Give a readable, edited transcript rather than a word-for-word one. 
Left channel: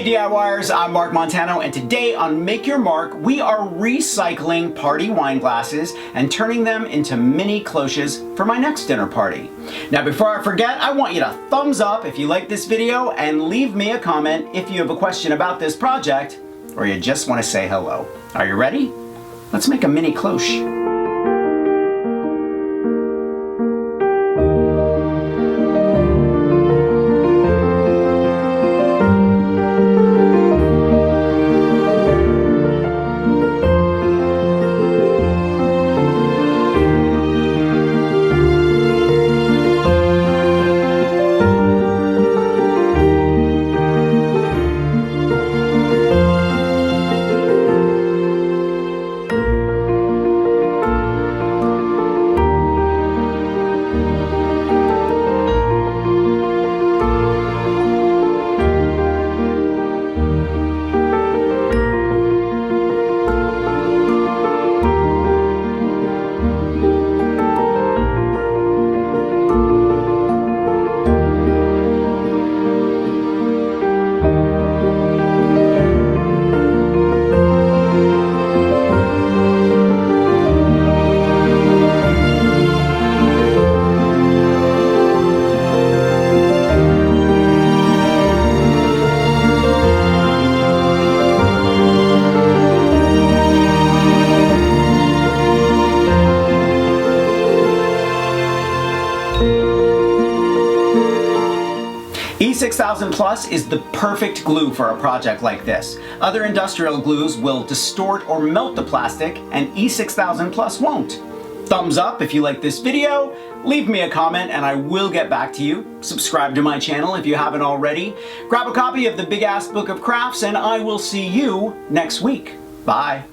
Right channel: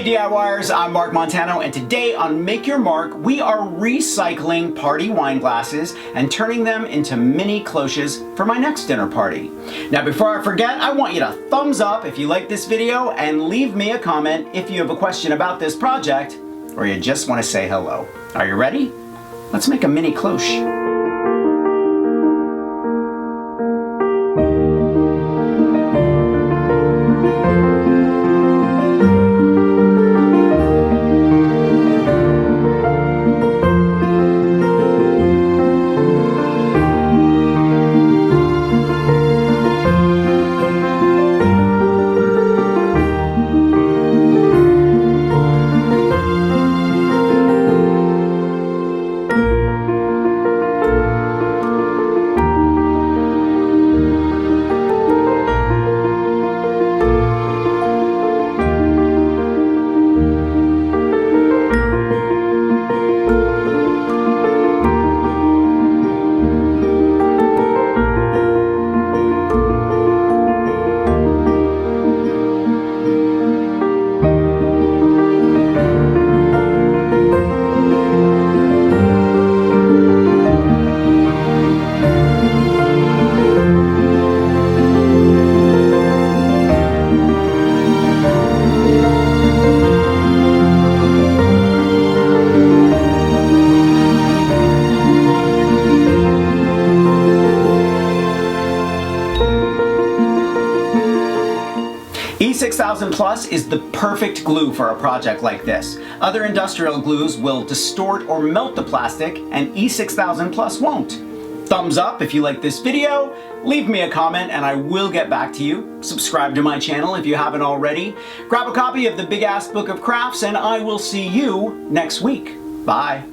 Hey DIYers, I'm Mark Montano, and today on Make Your Mark, we are recycling party wine glasses and turning them into mini cloches for my next dinner party. Now before I forget, I want you to thumbs up if you like this video and leave me a comment if you have a question about this project or you just want to say hello. Are you ready? Let's make a mini cloche. E6000 Plus is the perfect glue for a project like this. Other industrial glues will distort or melt the plastic, and E6000 Plus won't. Thumbs up if you like this video, leave me a comment and I will get back to you. Subscribe to my channel if you haven't already. Grab a copy of the Big Ass Book of Crafts and I will see you next week. Bye.